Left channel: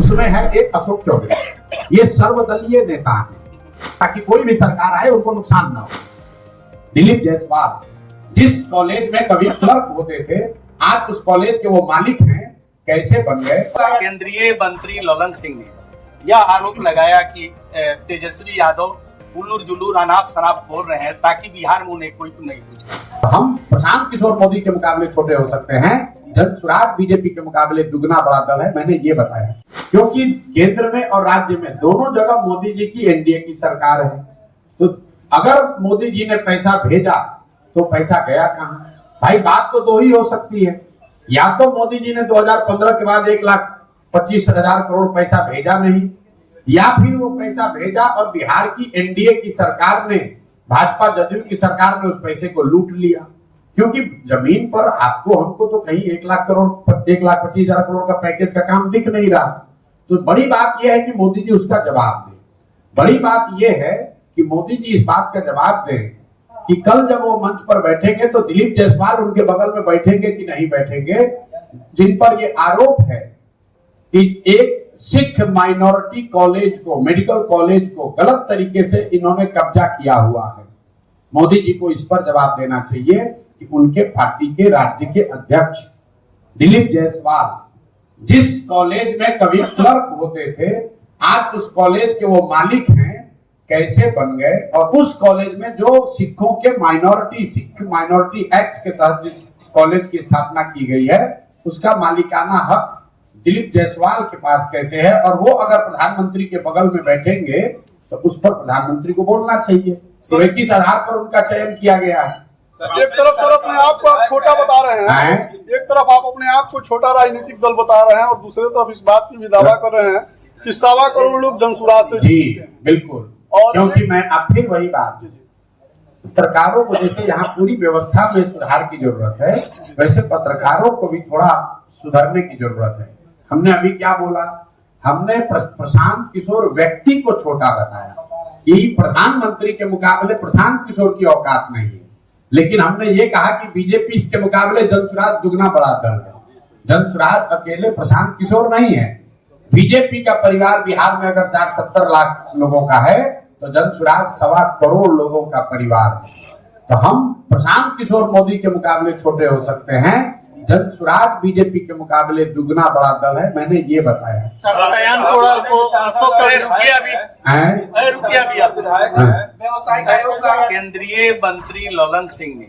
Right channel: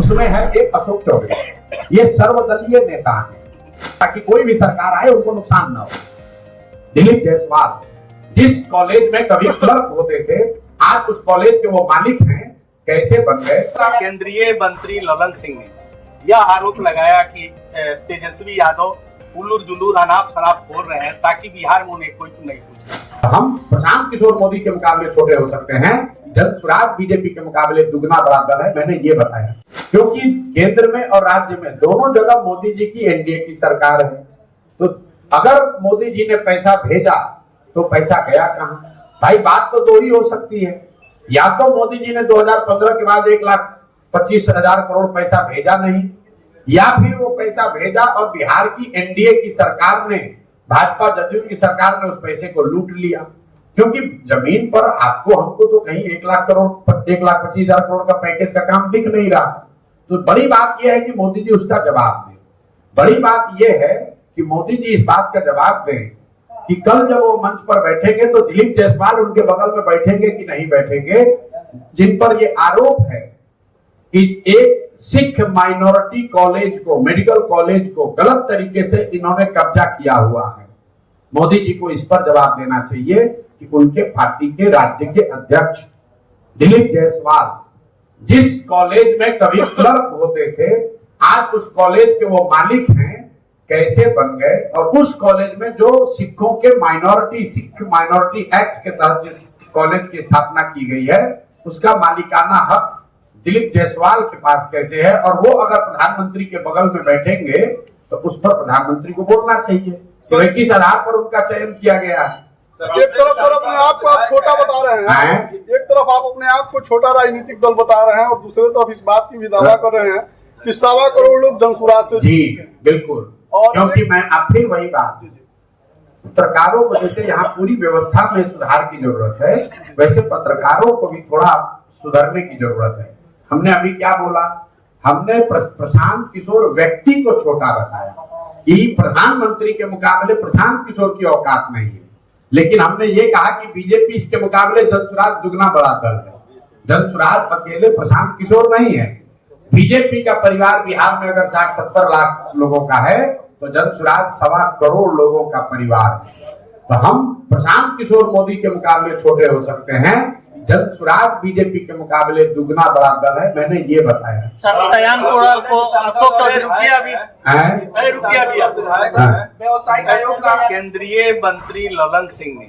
उसमें है एक अशोक चौधरी। ये सर्वदलीय नेता है, ताकि कोई भी सरकार आए उनको नुकसान ना हो। दिलीप जायसवाल जिस कॉलेज में कभी क्लर्क होते थे, आज उस कॉलेज के वो मालिक हैं, कैसे बन गए? केंद्रीय मंत्री ललन सिंह ने यह आरोप लगाया कि तेजस्वी यादव उल्लूर जुल्लूर अनाप शनाप बोल रहे हैं ताकि बिहार में उन्हें कोई नहीं पूछे। हम प्रशांत किशोर मोदी के मुकाबले छोटे हो सकते हैं, जनसुराज बीजेपी के मुकाबले दुगना बड़ा दल है, मैंने ये बताया। क्योंकि केंद्र में और राज्य में दोनों जगह मोदी जी की एनडीए की सरकार है। तो अगर मोदी जी ने पैसा भेजा तो पैसा गया कहाँ? भाई बात तो दो ही हो सकती है, या तो मोदी जी ने 2015 के बाद 1,25,000 करोड़ पैसा भेजा नहीं, या फिर वो पैसा भेजा और बिहार की एनडीए की सरकार ने, भाजपा जदयू की सरकार ने उस पैसे को लूट लिया। क्योंकि जमीन पर आपको हमको तो कहीं 1,25,000 करोड़ का पैकेज का काम दिख नहीं रहा। तो बड़ी बात यह है कि मोदी जी उसका जवाब दें। बड़ी बात यह है कि मोदी जी इस बात का जवाब दें कि कल जब वो मंच पर बैठेंगे तो दिलीप जायसवाल उनके बगल में बैठेंगे कि नहीं बैठेंगे, जिन पर ये आरोप है कि एक सिख माइनॉरिटी कॉलेज को, मेडिकल कॉलेज को गलत तरीके से इन्होंने कब्जा किया हुआ है। मोदी जी को इस पर जवाब देना चाहिए कि उनके पार्टी के राज्य के अध्यक्ष दिलीप जायसवाल जिस कॉलेज में कभी क्लर्क होते थे, आज उस कॉलेज के वो मालिक हैं, कैसे बन गए? और उस कॉलेज में जो सिखों के सिख माइनॉरिटी एक्ट के तहत जिस कॉलेज की स्थापना की गई है, उसका मालिकाना हक दिलीप जायसवाल के पास कैसे है? और वो अगर प्रधानमंत्री के बगल में बैठेंगे तो उस पर प्रधानमंत्री को बोलना चाहिए। तो किस आधार पर उनका चयन किया गया है? एक तरफ सर अपने आप को आप छोटा बता रहे हैं, एक तरफ आप अपने आप को छोटा राजनीतिक दल बता रहे हैं और दूसरे तरफ इस बात की भी दावा कर रहे हैं कि 1.25 करोड़ लोग जनसुराज से जी बिल्कुल। और क्योंकि मैं अब फिर वही बात, पत्रकारों को जैसे यहाँ पूरी व्यवस्था में सुधार की जरूरत है, वैसे पत्रकारों को भी थोड़ा सुधरने की जरूरत है। हमने अभी क्या बोला? हमने प्रशांत किशोर व्यक्ति को छोटा बताया कि प्रधानमंत्री के मुकाबले प्रशांत किशोर की औकात नहीं है, लेकिन हमने ये कहा कि बीजेपी इसके मुकाबले जनसुराज दुगना बड़ा दल है। जनसुराज अकेले प्रशांत किशोर नहीं है। बीजेपी का परिवार बिहार में अगर 60-70 लाख लोगों का है तो जनसुराज 1.25 करोड़ लोगों का परिवार है। तो हम प्रशांत किशोर मोदी के मुकाबले छोटे हो सकते हैं, जनसुराज बीजेपी के मुकाबले दुगना बड़ा दल है, मैंने ये बताया। केंद्रीय मंत्री ललन सिंह ने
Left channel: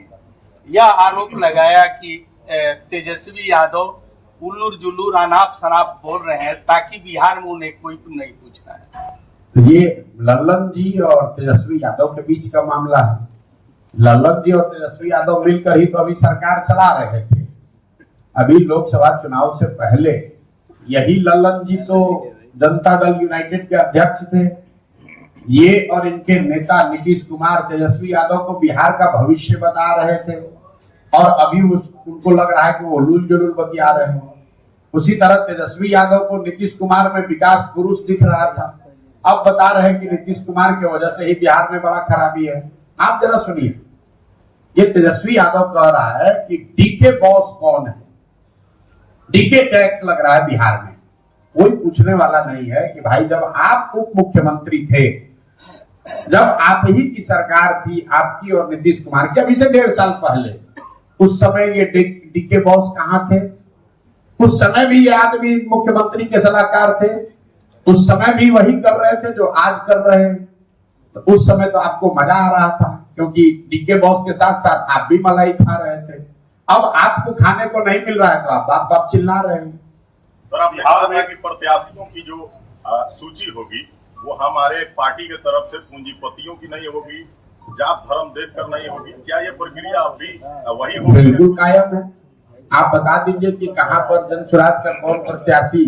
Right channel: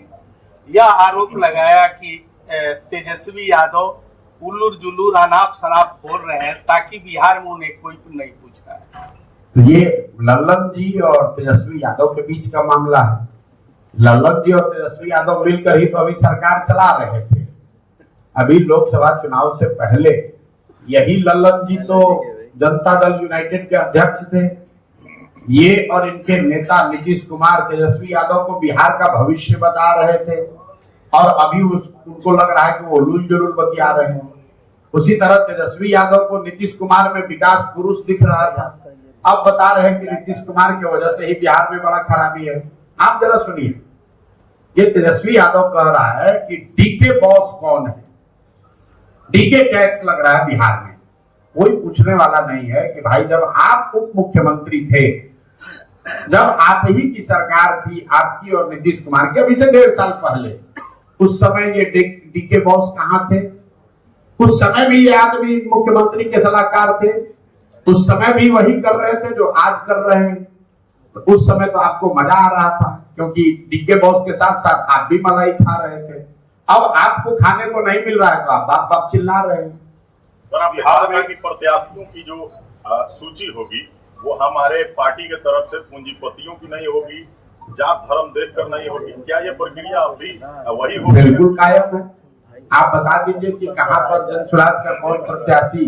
यह आरोप लगाया कि तेजस्वी यादव उल्लूर जुल्लूर अनाप शनाप बोल रहे हैं ताकि बिहार में उन्हें कोई नहीं पूछता है। तो ये ललन जी और तेजस्वी यादव के बीच का मामला है। ललन जी और तेजस्वी यादव मिलकर ही तो अभी सरकार चला रहे थे। अभी लोकसभा चुनाव से पहले यही ललन जी तो जनता दल यूनाइटेड के अध्यक्ष थे। ये और इनके नेता नीतीश कुमार तेजस्वी यादव को बिहार का भविष्य बता रहे थे, और अभी उनको लग रहा है कि वो उल्लूल जुल्लूल बतिया रहे हैं। उसी तरह तेजस्वी यादव को नीतीश कुमार में विकास पुरुष दिख रहा था, अब बता रहे हैं कि नीतीश कुमार की वजह से ही बिहार में बड़ा खराबी है। आप जरा सुनिए, ये तेजस्वी यादव कह रहा है कि डीके बॉस कौन है, डीके टैक्स लग रहा है बिहार में। कोई पूछने वाला नहीं है कि भाई जब आप उप मुख्यमंत्री थे, जब आप ही की सरकार थी, आपकी और नीतीश कुमार की, अभी से 1.5 साल पहले, उस समय ये डीके बॉस कहाँ थे? उस समय भी ये आदमी मुख्यमंत्री के सलाहकार थे, उस समय भी वही कर रहे थे जो आज कर रहे हैं। तो उस समय तो आपको मजा आ रहा था, क्योंकि डीके बॉस के साथ साथ आप भी मलाई खा रहे थे। अब आपको खाने को नहीं मिल रहा है तो आप बाप बाप चिल्ला रहे हैं। सर, आप बिहार में की प्रत्याशियों की जो सूची होगी वो हमारे पार्टी के तरफ से पूंजीपतियों की नहीं होगी, जात धर्म देखकर नहीं होगी। क्या ये प्रक्रिया अभी वही होगी? बिल्कुल कायम है। आप बता दीजिए कि कहाँ पर जनसुराज का कौन प्रत्याशी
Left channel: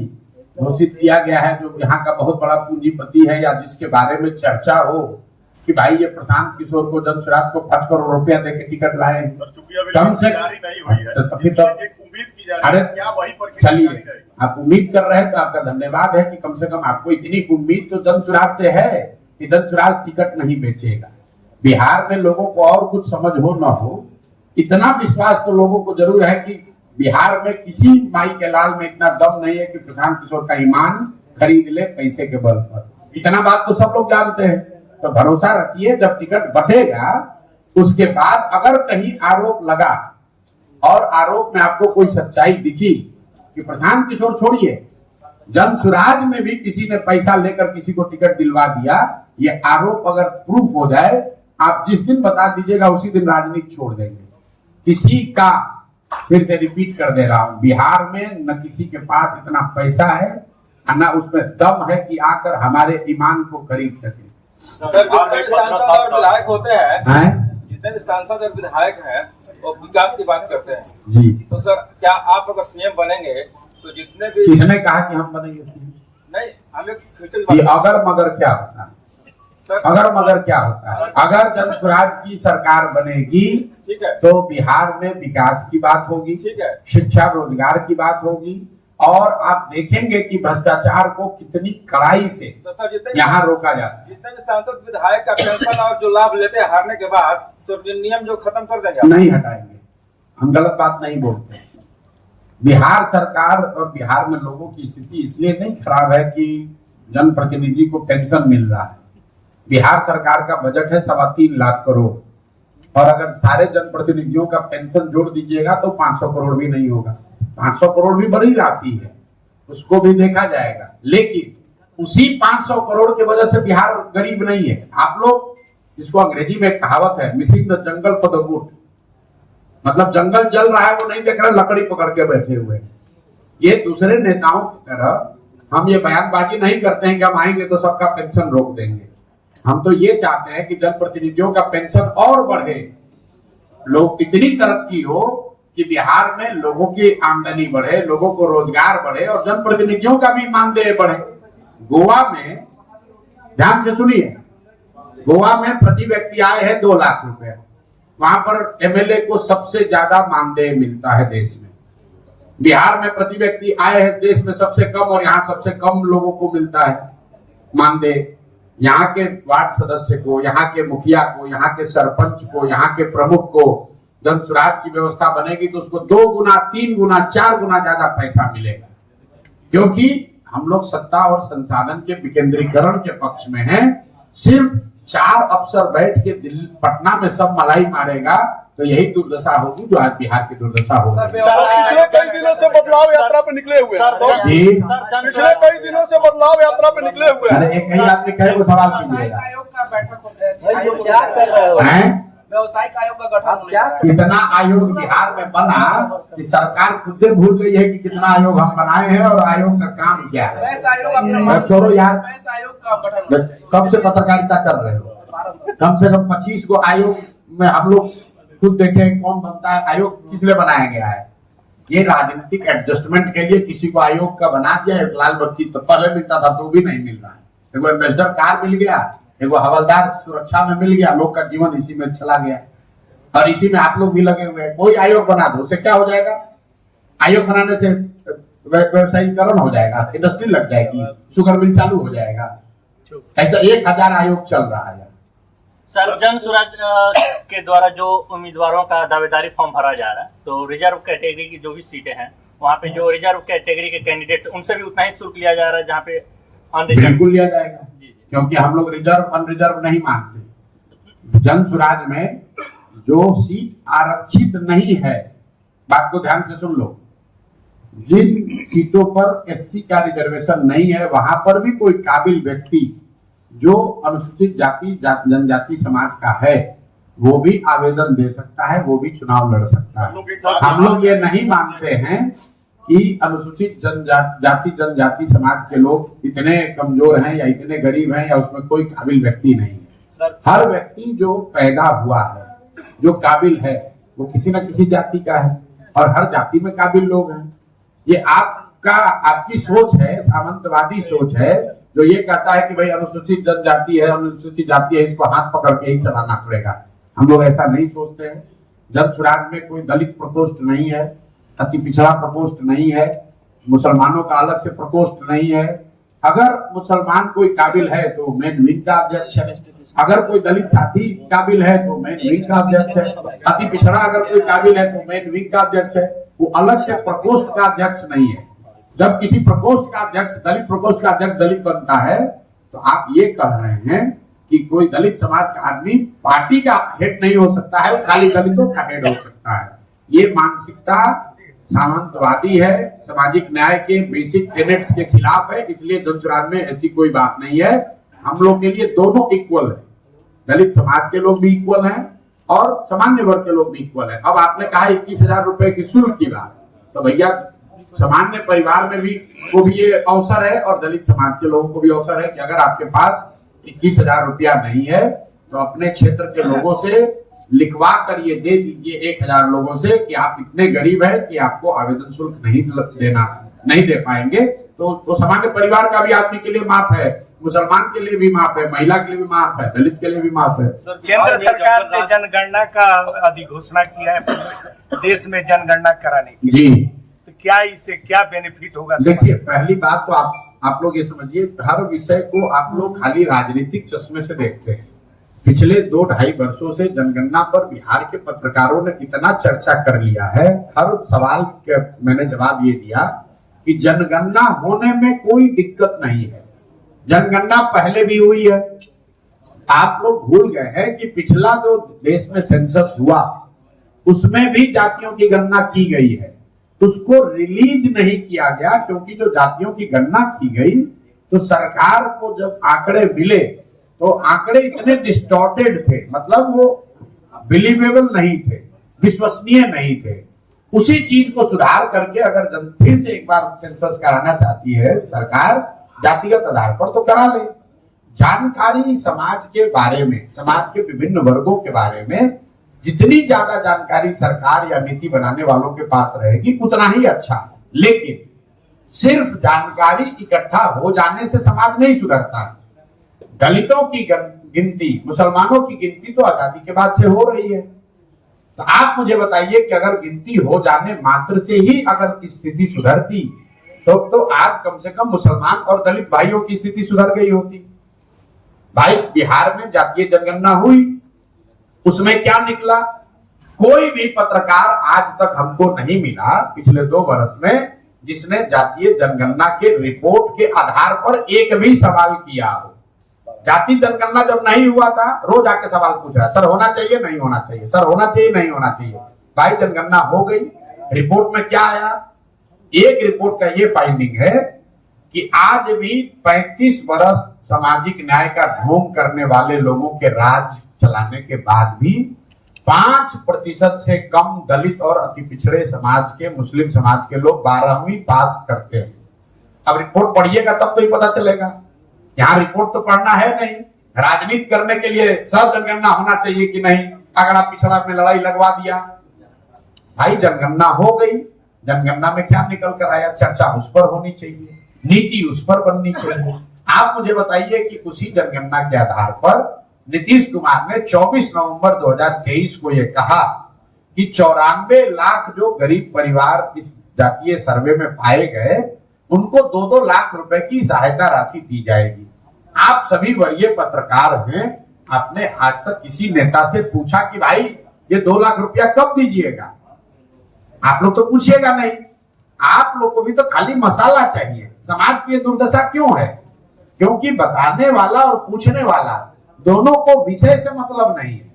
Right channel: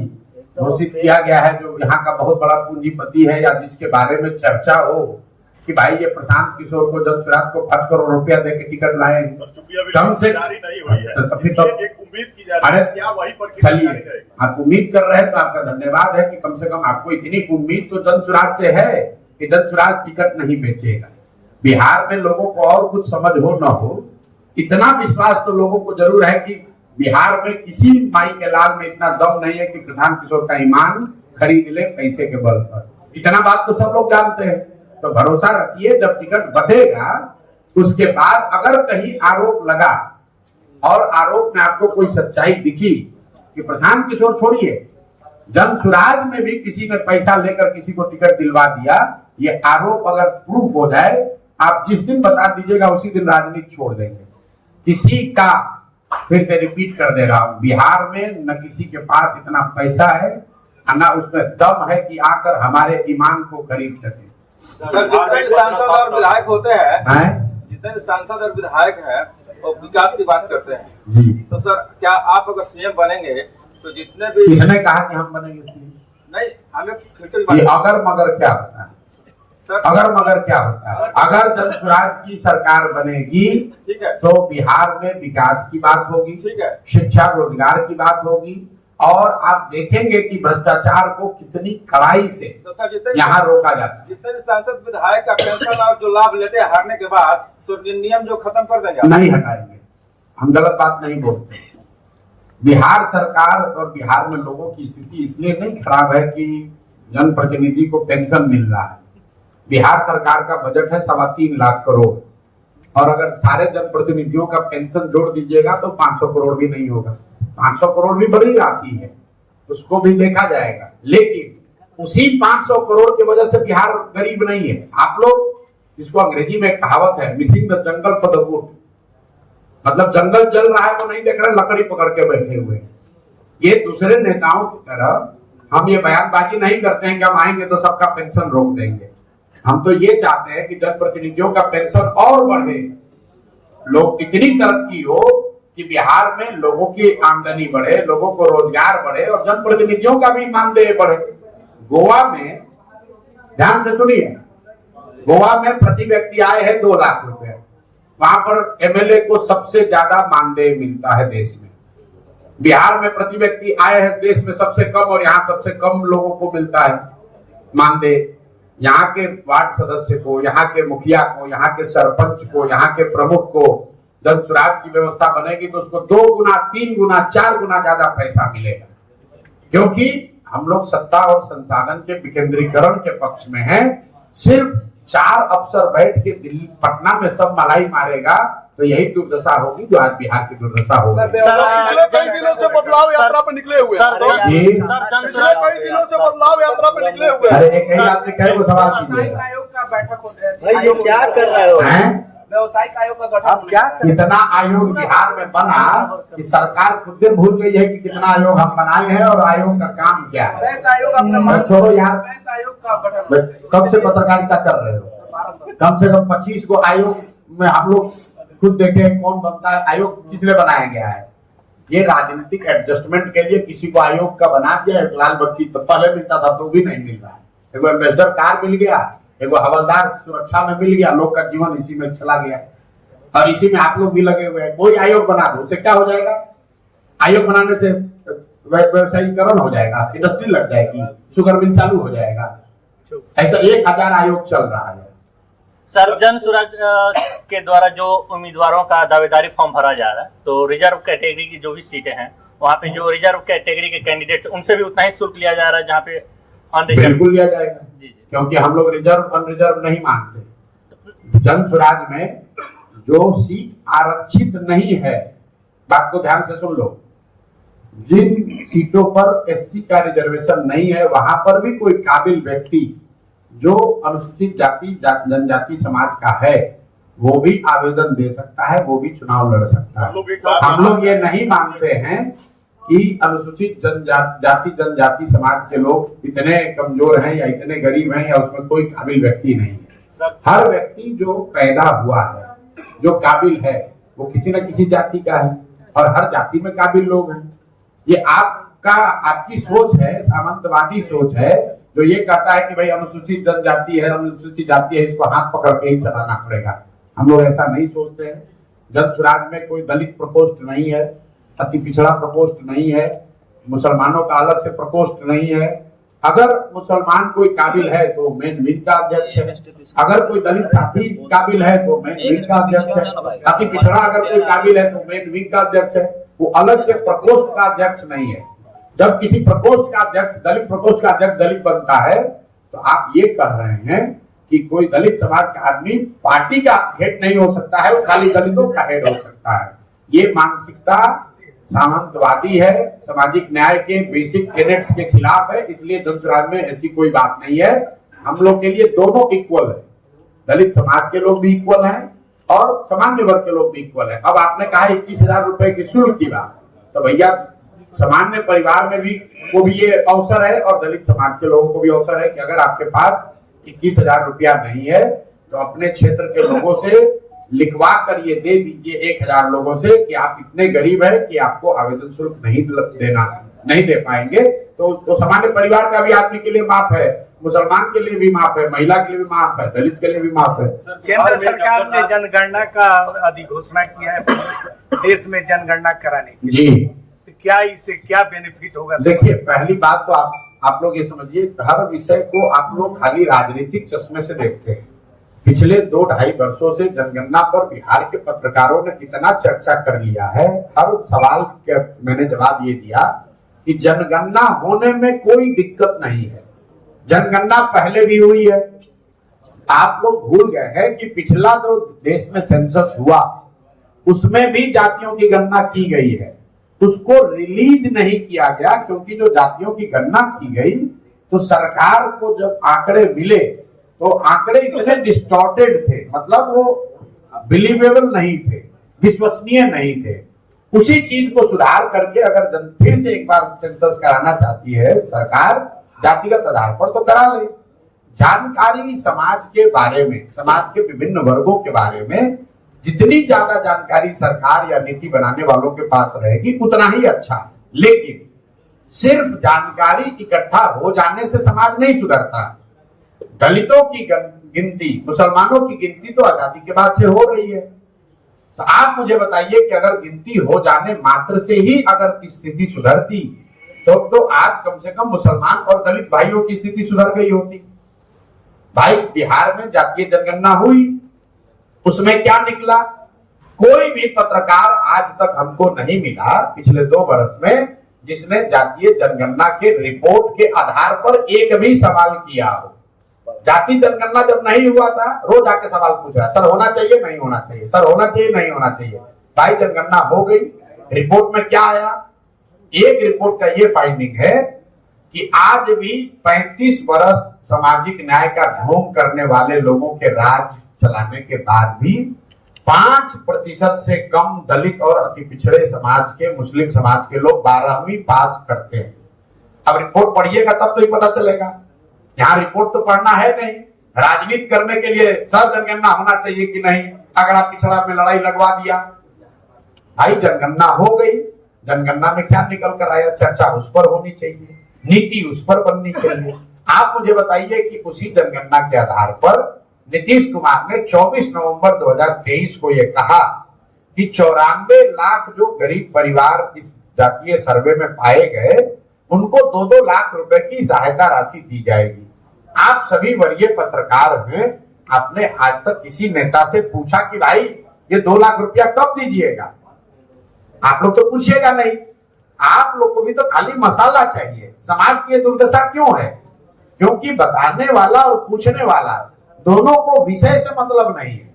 घोषित किया गया है जो यहाँ का बहुत बड़ा पूंजीपति है, या जिसके बारे में चर्चा हो कि भाई ये प्रशांत किशोर को जनसुराज को 5 करोड़ रुपया देकर टिकट लाए। कम से अरे चलिए, आप उम्मीद कर रहे हैं तो आपका धन्यवाद है कि कम से कम आपको इतनी उम्मीद तो जनसुराज से है कि जनसुराज टिकट नहीं बेचेगा। बिहार में लोगों को और कुछ समझ हो न हो, इतना विश्वास तो लोगों को जरूर है कि बिहार में किसी माई के लाल में इतना दम नहीं है कि प्रशांत किशोर का ईमान खरीद ले पैसे के बल पर। इतना बात तो सब लोग जानते हैं। तो भरोसा रखिए, जब टिकट बटेगा उसके बाद अगर कहीं आरोप लगा और आरोप में आपको कोई सच्चाई दिखी कि प्रशांत किशोर छोड़िए, जनसुराज में भी किसी ने पैसा लेकर किसी को टिकट दिलवा दिया, ये आरोप अगर प्रूफ हो जाए, आप जिस दिन बता दीजिएगा उसी दिन राजनीति छोड़ देंगे। किसी का, फिर से रिपीट कर दे रहा हूं, बिहार में न किसी के पास इतना पैसा है न उसमें दम है कि आकर हमारे ईमान को खरीद सके। सर, जितने भी सांसद और विधायक होते हैं, जितने भी सांसद और विधायक हैं वो विकास की बात करते हैं जी। तो सर, क्या आप अगर सीएम बनेंगे तो जितने भी, किसने कहा कि हम बनेंगे सीएम? नहीं, हमें फ्यूचर ये अगर मगर क्या होता है? सर, अगर मगर क्या होता है? अगर जनसुराज की सरकार बनेगी ठीक है, तो बिहार में विकास की बात होगी, ठीक है, शिक्षा रोजगार की बात होगी, और आप देखेंगे कि भ्रष्टाचार को कितनी कड़ाई से तो सर जितने यहाँ रोका जाता है। जितने भी सांसद विधायक का पेंशन और जो लाभ लेते हैं हारने के बाद, सो नियम जो खत्म कर देंगे आप? नहीं हटाएंगे, हम गलत बात नहीं बोलते। बिहार सरकार और बिहार में लोगों की स्थिति इसलिए नहीं खराब है कि जनप्रतिनिधि को पेंशन मिल रहा है। बिहार सरकार का बजट है 3.25 लाख करोड़, और अगर सारे जनप्रतिनिधियों का पेंशन जोड़ दीजिएगा तो 500 करोड़ भी नहीं होगा। 500 करोड़ भी बड़ी राशि है, उसको भी देखा जाएगा, लेकिन उसी 500 करोड़ की वजह से बिहार गरीब नहीं है। आप लोग, इसको अंग्रेजी में कहावत है, missing the jungle for the wood, मतलब जंगल जल रहा है वो नहीं देख रहे, लकड़ी पकड़ के बैठे हुए। ये दूसरे नेताओं की तरह हम ये बयानबाजी नहीं करते हैं कि हम आएंगे तो सबका पेंशन रोक देंगे। हम तो ये चाहते हैं कि जनप्रतिनिधियों का पेंशन और बढ़े, लोग इतनी तरक्की हो कि बिहार में लोगों की आमदनी बढ़े, लोगों को रोजगार बढ़े और जनप्रतिनिधियों का भी मानदेय बढ़े। गोवा में, ध्यान से सुनिए, गोवा में प्रति व्यक्ति आय है 2 लाख रुपए, वहां पर एमएलए को सबसे ज्यादा मानदेय मिलता है देश में। बिहार में प्रति व्यक्ति आय है देश में सबसे कम, और यहाँ सबसे कम लोगों को मिलता है मानदेय। यहाँ के वार्ड सदस्य को, यहाँ के मुखिया को, यहाँ के सरपंच को, यहाँ के प्रमुख को जनसुराज की व्यवस्था बनेगी तो उसको 2 गुना, 3 गुना, 4 गुना ज्यादा पैसा मिलेगा, क्योंकि हम लोग सत्ता और संसाधन के विकेंद्रीकरण के पक्ष में हैं। सिर्फ 4 अफसर बैठ के दिल्ली पटना में सब मलाई मारेगा तो यही दुर्दशा होगी जो आज बिहार की दुर्दशा हो रही है। पिछले कई दिनों से बदलाव यात्रा पे निकले हुए हैं। पिछले कई दिनों से बदलाव यात्रा पे निकले हुए हैं। अरे एक ही आदमी कहे वो सवाल कीजिएगा, आयोग का बैठक होता है, भाई ये क्या कर रहे हो? व्यवसायिक आयोग का गठन आप क्या कितना आयोग बिहार में बना कि सरकार खुद भूल गई है कि कितना आयोग हम बनाए हैं और आयोग का काम क्या है। वैस आयोग अपना छोड़ो यार, वैस आयोग का गठन कब से पत्रकारिता कर रहे हो? कम से कम 25 को आयोग में हम लोग खुद देखे कौन बनता है। आयोग किस लिए बनाया गया है? ये राजनीतिक एडजस्टमेंट के लिए किसी को आयोग का बना दिया। एक लाल बत्ती तो पहले मिलता था तो भी नहीं मिल रहा है, एगो एम्बेसडर कार मिल गया, एगो हवलदार सुरक्षा में मिल गया, लोग का जीवन इसी में चला गया और इसी में आप लोग भी लगे हुए हैं। कोई आयोग बना दो, उससे क्या हो जाएगा? आयोग बनाने से व्यवसायीकरण हो जाएगा, इंडस्ट्री लग जाएगी, शुगर मिल चालू हो जाएगा। ऐसा 1000 आयोग चल रहा है। सर, जनसुराज के द्वारा जो उम्मीदवारों का दावेदारी फॉर्म भरा जा रहा है, तो रिजर्व कैटेगरी की जो भी सीटें हैं वहाँ पे जो रिजर्व कैटेगरी के कैंडिडेट उनसे भी उतना ही शुल्क लिया जा रहा है जहाँ पे अनरिजर्व। बिल्कुल लिया जाएगा, क्योंकि हम लोग रिजर्व अनरिजर्व नहीं मानते। जनसुराज में जो सीट आरक्षित नहीं है, बात को ध्यान से सुन लो, जिन सीटों पर एससी का रिजर्वेशन नहीं है वहां पर भी कोई काबिल व्यक्ति जो अनुसूचित जाति जनजाति समाज का है वो भी आवेदन दे सकता है, वो भी चुनाव लड़ सकता है। हम लोग ये नहीं मानते हैं कि अनुसूचित जाति जनजाति समाज के लोग इतने कमजोर हैं या इतने गरीब हैं या उसमें कोई काबिल व्यक्ति नहीं है। हर व्यक्ति जो पैदा हुआ है, जो काबिल है, वो किसी न किसी जाति का है और हर जाति में काबिल लोग हैं। ये आपकी सोच है, सामंतवादी सोच है, जो ये कहता है कि भाई अनुसूचित जनजाति है, अनुसूचित जाति है, इसको हाथ पकड़ के ही चलाना पड़ेगा। हम लोग ऐसा नहीं सोचते हैं। जनसुराज में कोई दलित प्रकोष्ठ नहीं है, अति पिछड़ा प्रकोष्ठ नहीं है, मुसलमानों का अलग से प्रकोष्ठ नहीं है। अगर मुसलमान कोई काबिल है तो मेन विंग का अध्यक्ष है, अगर कोई दलित साथी काबिल है तो मेन विंग का अध्यक्ष है, अति पिछड़ा अगर कोई काबिल है तो मेन विंग का अध्यक्ष है। वो अलग से प्रकोष्ठ का अध्यक्ष नहीं है। जब किसी प्रकोष्ठ का अध्यक्ष, दलित प्रकोष्ठ का अध्यक्ष दलित बनता है, तो आप ये कह रहे हैं कि कोई दलित समाज का आदमी पार्टी का हेड नहीं हो सकता है, वो खाली दलितों का हेड हो सकता है। ये मानसिकता सामंतवादी है, सामाजिक न्याय के बेसिक टेनेट्स के खिलाफ है। इसलिए धनसुराज में ऐसी कोई बात नहीं है। हम लोग के लिए दोनों इक्वल है, दलित समाज के लोग भी इक्वल हैं और सामान्य वर्ग के लोग भी इक्वल हैं। अब आपने कहा 21,000 रुपए की शुल्क की बात, तो भैया सामान्य परिवार में भी को भी ये अवसर है और दलित समाज के लोगों को भी अवसर है कि अगर आपके पास 21,000 रुपया नहीं है तो अपने क्षेत्र के लोगों से लिखवा कर ये दे दीजिए 1,000 लोगों से कि आप इतने गरीब है कि आपको आवेदन शुल्क नहीं दे पाएंगे। तो सामान्य परिवार का भी आदमी के लिए माफ है, मुसलमान के लिए भी माफ है, महिला के लिए भी माफ है, दलित के लिए भी माफ है। केंद्र सरकार ने जनगणना का अधिघोषणा किया है देश में जनगणना कराने की, जी, तो क्या इससे क्या बेनिफिट होगा? देखिए, पहली बात तो आप लोग ये समझिए, हर विषय को आप लोग खाली राजनीतिक चश्मे से देखते हैं। पिछले 2-2.5 वर्षों से जनगणना पर बिहार के पत्रकारों ने इतना चर्चा कर लिया है, हर सवाल के मैंने जवाब ये दिया कि जनगणना होने में कोई दिक्कत नहीं है। जनगणना पहले भी हुई है। आप लोग भूल गए हैं कि पिछला जो देश में सेंसस हुआ उसमें भी जातियों की गणना की गई है, उसको रिलीज नहीं किया गया क्योंकि जो जातियों की गणना की गई तो सरकार को जब आंकड़े मिले तो आंकड़े इतने डिस्टॉर्टेड थे, मतलब वो बिलीवेबल नहीं थे, विश्वसनीय नहीं थे। उसी चीज को सुधार करके अगर फिर से एक बार सेंसस कराना चाहती है सरकार, जातिगत आधार पर तो करा ले। जानकारी समाज के बारे में, समाज के विभिन्न वर्गों के बारे में जितनी ज्यादा जानकारी सरकार या नीति बनाने वालों के पास रहेगी उतना ही अच्छा है। लेकिन सिर्फ जानकारी इकट्ठा हो जाने से समाज नहीं सुधरता। दलितों की गिनती, मुसलमानों की गिनती तो आजादी के बाद से हो रही है। तो आप मुझे बताइए कि अगर गिनती हो जाने मात्र से ही अगर स्थिति सुधरती तो आज कम से कम मुसलमान और दलित भाइयों की स्थिति सुधर गई होती। भाई, बिहार में जातीय जनगणना हुई, उसमें क्या निकला? कोई भी पत्रकार आज तक हमको नहीं मिला पिछले 2 वर्ष में जिसने जातीय जनगणना के रिपोर्ट के आधार पर एक भी सवाल किया हो। जाति जनगणना जब नहीं हुआ था, रोज आके सवाल पूछ रहा है, सर होना चाहिए नहीं होना चाहिए, सर होना चाहिए नहीं होना चाहिए। भाई, जनगणना हो गई, रिपोर्ट में क्या आया? एक रिपोर्ट का ये फाइंडिंग है कि आज भी 35 वर्ष सामाजिक न्याय का ढोंग करने वाले लोगों के राज चलाने के बाद भी 5% से कम दलित और अति पिछड़े समाज के, मुस्लिम समाज के लोग 12वीं पास करते हैं। अब रिपोर्ट पढ़िएगा तब तो ही पता चलेगा। यहाँ रिपोर्ट तो पढ़ना है नहीं, राजनीति करने के लिए सर जनगणना होना चाहिए कि नहीं, अगर आप पिछड़ा में लड़ाई लगवा दिया। भाई, जनगणना हो गई, जनगणना में क्या निकल कर आया? चर्चा उस पर होनी चाहिए, नीति उस पर बननी चाहिए। आप मुझे बताइए कि उसी जनगणना के आधार पर नीतीश कुमार ने 24 नवंबर 2023 को यह कहा कि 94 लाख जो गरीब परिवार इस जातीय सर्वे में पाए गए उनको 2-2 लाख रुपए की सहायता राशि दी जाएगी। आप सभी वरीय पत्रकार हैं, आपने आज तक किसी नेता से पूछा कि भाई ये 2 लाख रुपया कब दीजिएगा? आप लोग तो पूछिएगा नहीं। आप लोग को भी तो खाली मसाला चाहिए। समाज की दुर्दशा क्यों है? क्योंकि बताने वाला और पूछने वाला दोनों को विषय से मतलब नहीं है।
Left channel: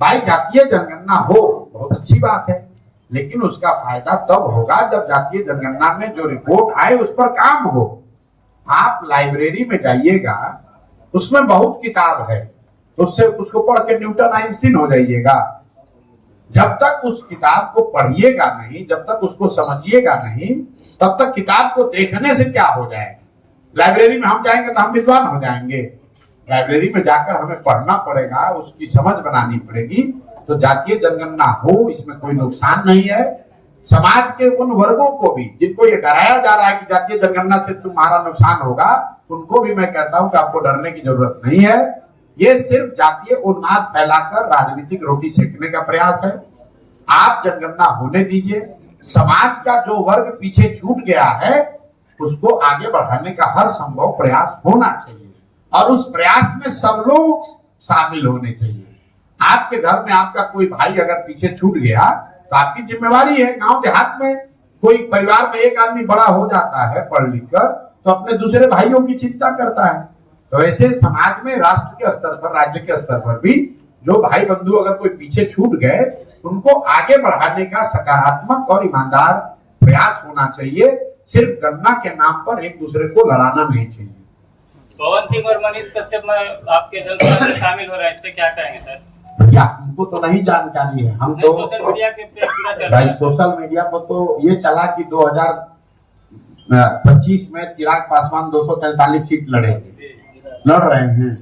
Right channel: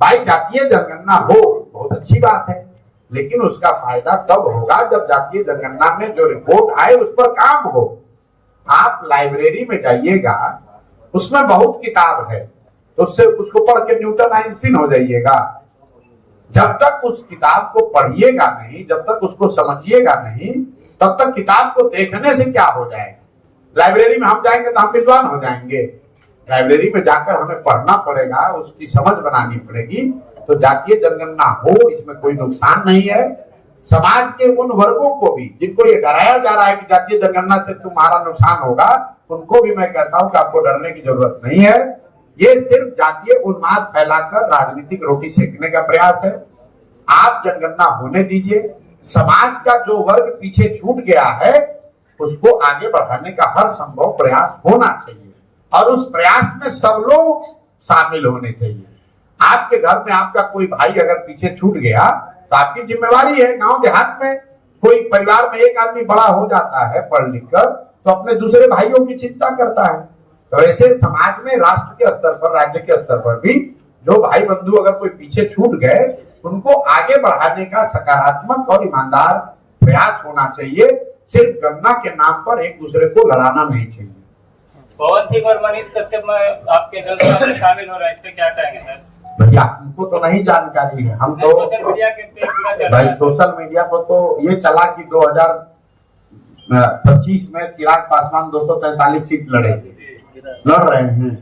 भाई, जातीय जनगणना हो बहुत अच्छी बात है, लेकिन उसका फायदा तब होगा जब जातीय जनगणना में जो रिपोर्ट आए उस पर काम हो। आप लाइब्रेरी में जाइएगा, उसमें बहुत किताब है, तो उससे उसको पढ़ के न्यूटन आइंस्टीन हो जाइएगा। जब तक उस किताब को पढ़िएगा नहीं, जब तक उसको समझिएगा नहीं, तब तक किताब को देखने से क्या हो जाएगा? लाइब्रेरी में हम जाएंगे तो हम विद्वान हो जाएंगे। लाइब्रेरी में जाकर हमें पढ़ना पड़ेगा, उसकी समझ बनानी पड़ेगी। तो जातीय जनगणना हो, इसमें कोई नुकसान नहीं है। समाज के उन वर्गों को भी जिनको ये डराया जा रहा है कि जातीय जनगणना से तुम्हारा नुकसान होगा, उनको भी मैं कहता हूं कि आपको डरने की जरूरत नहीं है। ये सिर्फ जातीय उन्माद फैलाकर राजनीतिक रोटी सेकने का प्रयास है। आप जनगणना होने दीजिए। समाज का जो वर्ग पीछे छूट गया है उसको आगे बढ़ाने का हर संभव प्रयास होना चाहिए और उस प्रयास में सब लोग शामिल होने चाहिए। आपके घर में आपका कोई भाई अगर पीछे छूट गया तो आपकी जिम्मेवारी है गांव देहात में कोई परिवार में एक आदमी बड़ा हो जाता है पढ़ लिख कर, तो अपने दूसरे भाइयों की चिंता करता है। तो ऐसे समाज में राष्ट्र के स्तर पर, राज्य के स्तर पर भी जो भाई बंधु अगर कोई पीछे छूट गए, उनको आगे बढ़ाने का सकारात्मक और ईमानदार प्रयास होना चाहिए। सिर्फ गन्ना के नाम पर एक दूसरे को लड़ाना नहीं चाहिए। पवन सिंह और मनीष कश्यप में आपके जनसभा में शामिल हो रहे हैं, इस पे क्या कहेंगे सर? भैया हमको तो नहीं जानकारी है, हम तो सोशल मीडिया के पे पूरा चल रहा भाई है। सोशल मीडिया पर तो ये चला कि 2025 में चिराग पासवान 243 सीट लड़ रहे हैं।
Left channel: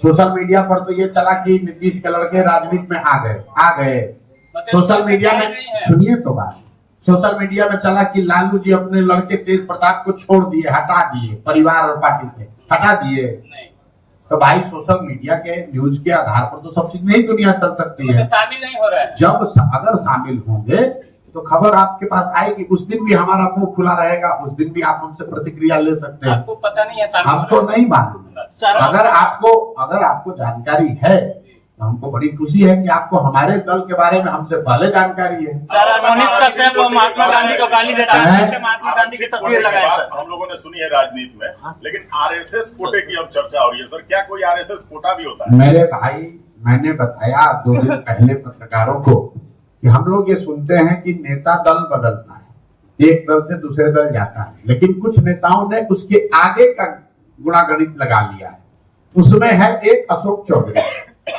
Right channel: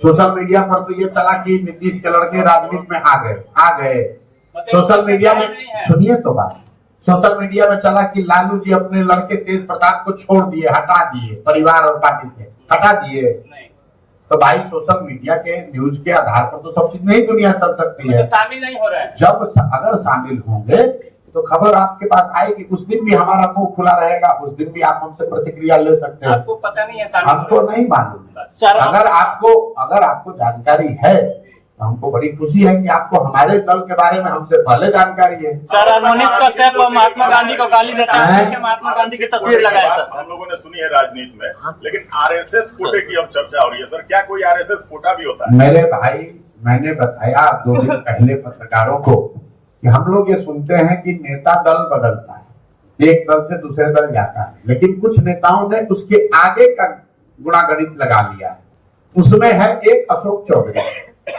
सोशल मीडिया पर तो ये चला कि नीतीश के लड़के राजनीति में आ गए। सोशल मीडिया में सुनिए तो बात, सोशल मीडिया में चला कि लालू जी अपने लड़के तेज प्रताप को छोड़ दिए, हटा दिए, परिवार और पार्टी से हटा दिए। तो भाई सोशल मीडिया के न्यूज के आधार पर तो सब चीज नहीं दुनिया चल सकती है। तो शामिल नहीं हो रहा है। जब अगर शामिल होंगे तो खबर आपके पास आएगी। उस दिन भी हमारा मुंह खुला रहेगा, उस दिन भी आप हमसे प्रतिक्रिया ले सकते हैं। आपको पता नहीं है शामिल हमको नहीं मालूम है। अगर आपको जानकारी है तो हमको बड़ी खुशी है कि आपको हमारे दल के बारे में हमसे पहले जानकारी है। सर मनीष कश्यप और महात्मा गांधी को गाली देते हैं, पीछे महात्मा गांधी की तस्वीर लगाए सर। हम लोगों ने सुनी है राजनीति में, लेकिन आरएसएस कोटे की अब चर्चा हो रही है। सर क्या कोई आरएसएस कोटा भी होता है? मेरे भाई, मैंने बताया 2 दिन पहले पत्रकारों को कि हम लोग ये सुनते हैं कि नेता दल बदलता है, एक दल से दूसरे दल जाता है, लेकिन कुछ नेताओं ने उसके आगे का गुणागणित लगा लिया है। उसमें है एक अशोक चौधरी,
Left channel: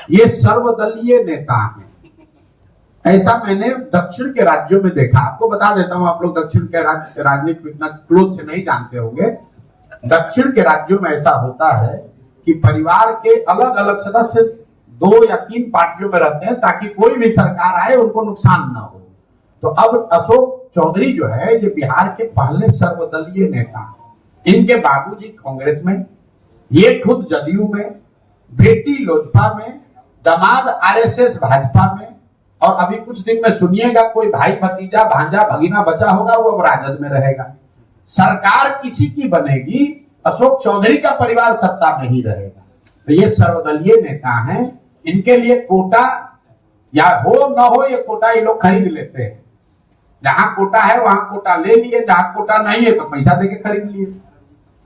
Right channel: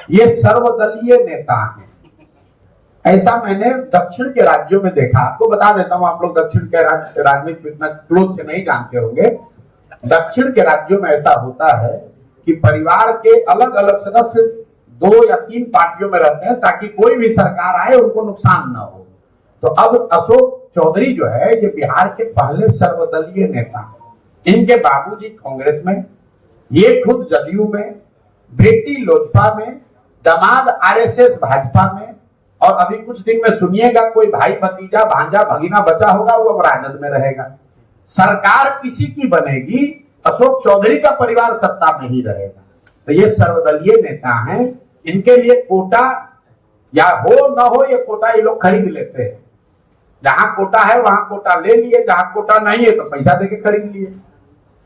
ये सर्वदलीय नेता हैं। ऐसा मैंने दक्षिण के राज्यों में देखा। आपको बता देता हूं, आप लोग दक्षिण के राजनीति को इतना क्लोज से नहीं जानते होंगे। दक्षिण के राज्यों में ऐसा होता है कि परिवार के अलग अलग सदस्य 2 या 3 पार्टियों में रहते हैं ताकि कोई भी सरकार आए उनको नुकसान ना हो। तो अब अशोक चौधरी जो है ये बिहार के पहले सर्वदलीय नेता हैं। इनके बाबूजी कांग्रेस में, ये खुद जदयू में, बेटी लोजपा में, दामाद आरएसएस भाजपा में, और अभी कुछ दिन में सुनिएगा कोई भाई भतीजा भांजा भगीना बचा होगा वो अब राजद में रहेगा। सरकार किसी की बनेगी, अशोक चौधरी का परिवार सत्ता में ही रहेगा। तो ये सर्वदलीय नेता हैं, इनके लिए कोटा या हो ना हो ये कोटा ये लोग खरीद लेते हैं। जहां कोटा है वहां कोटा ले लिए, जहां कोटा नहीं है तो पैसा देके खरीद लिए।